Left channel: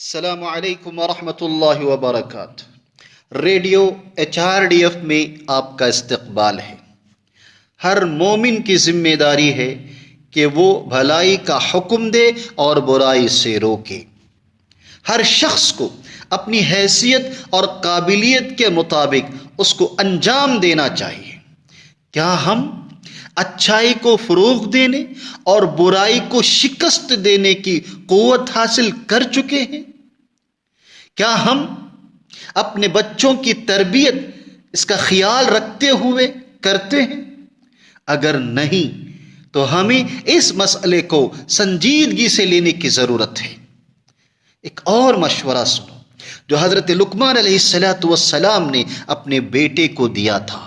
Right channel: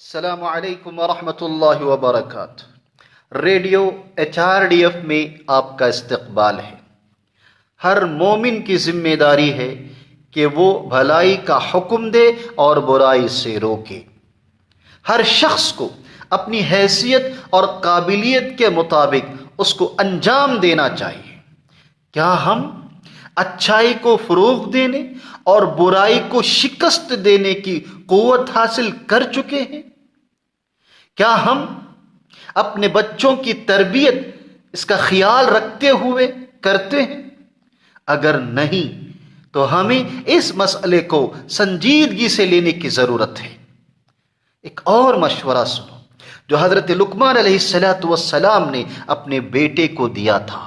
السلام علیکم ورحمۃ اللہ وبرکاتہ۔ ریڈیو HRDF میں آپ کا استقبال ہے۔ ہر مومن کی ذمہ داری ہے کہ وہ بھلائی کا حکم دے اور برائی سے روکے۔ ہر شخص کو اپنی حیثیت اور قابلیت کے مطابق اس کو انجام دینا چاہیے۔ کیا ہم اچھائی کو فروغ دینے اور برائی کو شکست دینے کی قوت حاصل کر چکے ہیں؟ کیا ہم اپنے بچوں کی تربیت اس کا خیال رکھتے ہوئے کرتے ہیں؟ اگر نہیں تو ہمیں اس مسئلے کو سنجیدگی سے لینے کی ضرورت ہے۔ ایک اور مشورہ سنو جو حضرت لقمان علیہ السلام نے اپنے بیٹے کو دیا تھا۔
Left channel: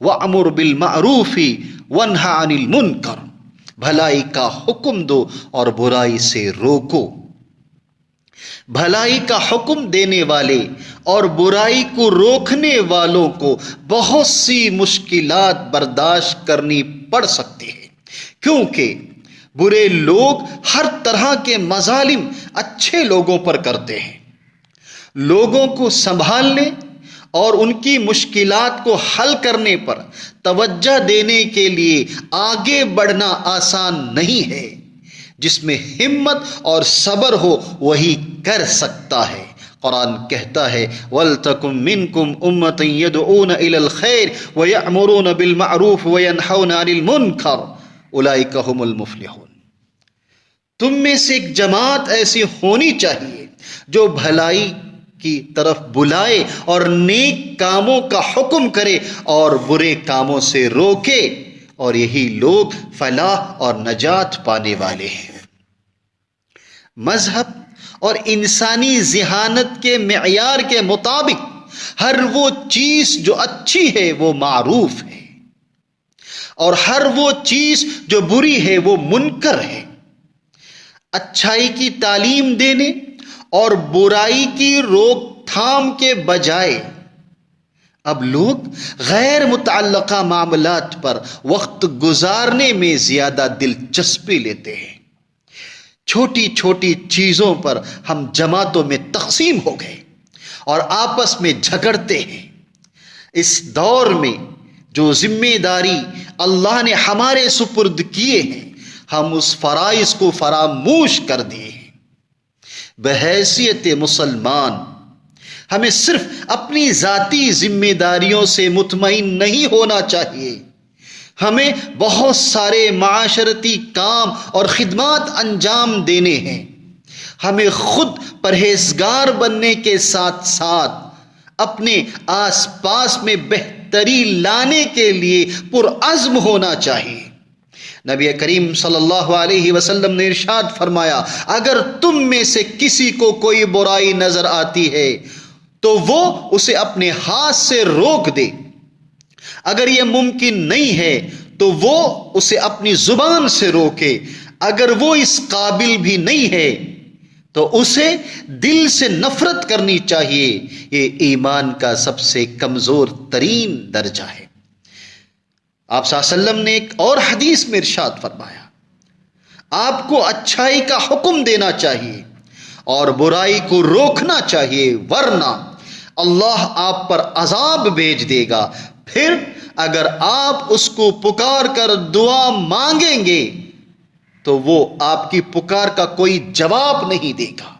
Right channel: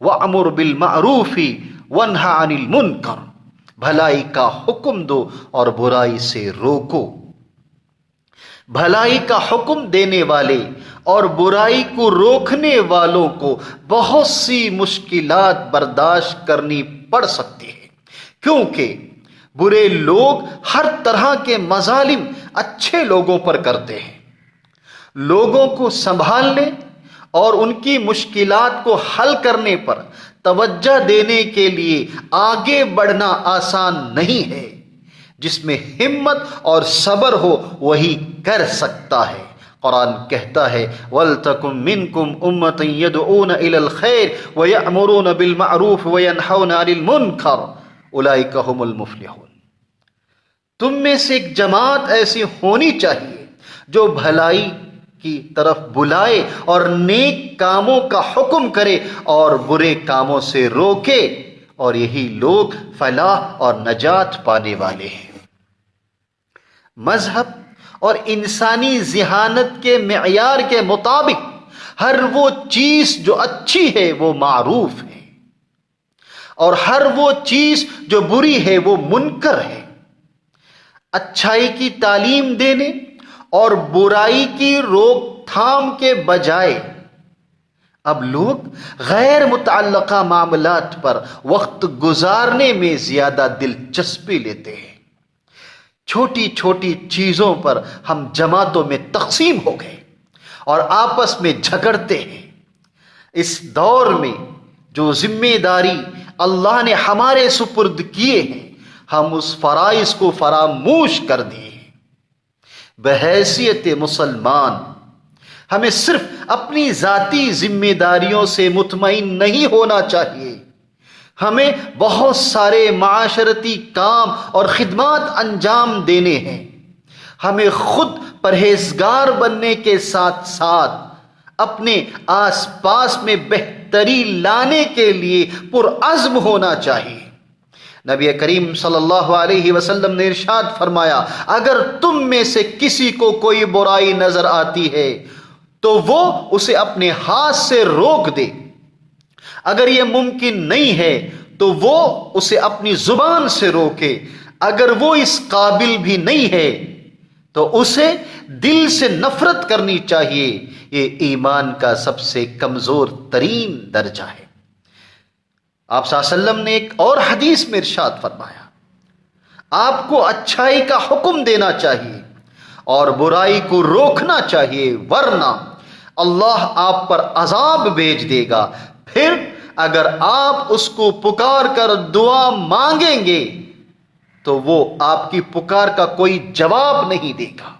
وَأْمُرْ بِالْمَعْرُوفِ وَانْهَ عَنِ الْمُنْكَرِ، بھلائی کا حکم دو اور برائی سے روکو۔ بھلائی کا حکم دینے والے اور برائی کو روکنے والوں کو بہت سی مشکلات برداشت کرنی پڑ سکتی ہے، کیونکہ برے لوگ ہر طرح کے مظالم اچھے لوگوں پر کرتے ہیں۔ لوگوں کو سنبھالنے اور ان کی مشکلات کو حل کرنے پر توجہ دینے کے لیے آگے بڑھنا آسان نہیں ہے۔ جس میں ہمت اور صبر ہو وہی کر سکتا ہے۔ قرآن کہتا ہے وَلْتَكُن مِّنكُمْ أُمَّةٌ يَدْعُونَ إِلَى الْخَيْرِ وَيَأْمُرُونَ بِالْمَعْرُوفِ وَيَنْهَوْنَ عَنِ الْمُنْكَرِ أُولَٰئِكَ هُمُ الْمُفْلِحُونَ۔ تم میں سے ایک جماعت ایسی ہونی چاہیے جو بھلائی کی طرف بلائے اور نیک کاموں کا حکم کرے اور برے کاموں سے روکے، اور یہی لوگ فلاح اور نجات پانے والے ہیں۔ مذہب اور انسانی ذہانت کے معیار کے مطابق ہر وہ چیز جو اچھی ہے وہ معروف ہے، اور ہر وہ چیز جو بری ہے وہ منکر ہے۔ اچھائی کی تعلیم دینے اور برائی کی روک تھام کے بجائے اب لوگ غیر متعلقہ معاملات پر وقت گزارنے میں زیادہ دلچسپی لیتے ہیں۔ چھوٹی چھوٹی چیزوں پر ہم جماعتوں میں تقسیم ہو گئے اور آپس میں جھگڑتے ہیں۔ اس دور میں جو ذمہ داری اللہ نے ہمارے سپرد کیے ہیں، ہم اس فرائض کو فراموش کر دیے ہیں۔ بحیثیت مسلمان ہمیں صرف اپنی ذاتی ذمہ داریوں سے مطمئن نہیں ہونا چاہیے، ہمیں بہت سارے معاشرتی کام اور خدمات انجام دینے ہیں۔ ہمیں خود پرہیزگار بننے کے ساتھ ساتھ اپنے آس پاس میں بہتری لانے کے لیے پرعزم ہونا چاہیے۔ نبی کریم صلی اللہ علیہ وسلم نے ارشاد فرمایا، اگر تم میں سے کسی کو کوئی برائی نظر آتی ہے تو وہ اسے اپنے ہاتھ سے روک دے۔ اگر یہ ممکن نہیں ہے تو وہ اسے اپنی زبان سے روکے۔ اگر وہ اس قابل بھی نہیں ہے تو اسے دل سے نفرت کرنی چاہیے۔ یہ ایمان کا سب سے کمزور ترین درجہ ہے۔ آپ صلی اللہ علیہ وسلم نے ایک اور حدیث میں ارشاد فرمایا، آپ کو اچھائی کا حکم دینا چاہیے اور برائی کو روکنا چاہیے، ورنہ اللہ آپ پر عذاب بھیج دے گا۔ پھر اگر آپ اس کو پکار کر دعا مانگیں گے تو وہ آپ کی پکار کا کوئی جواب نہیں دے گا۔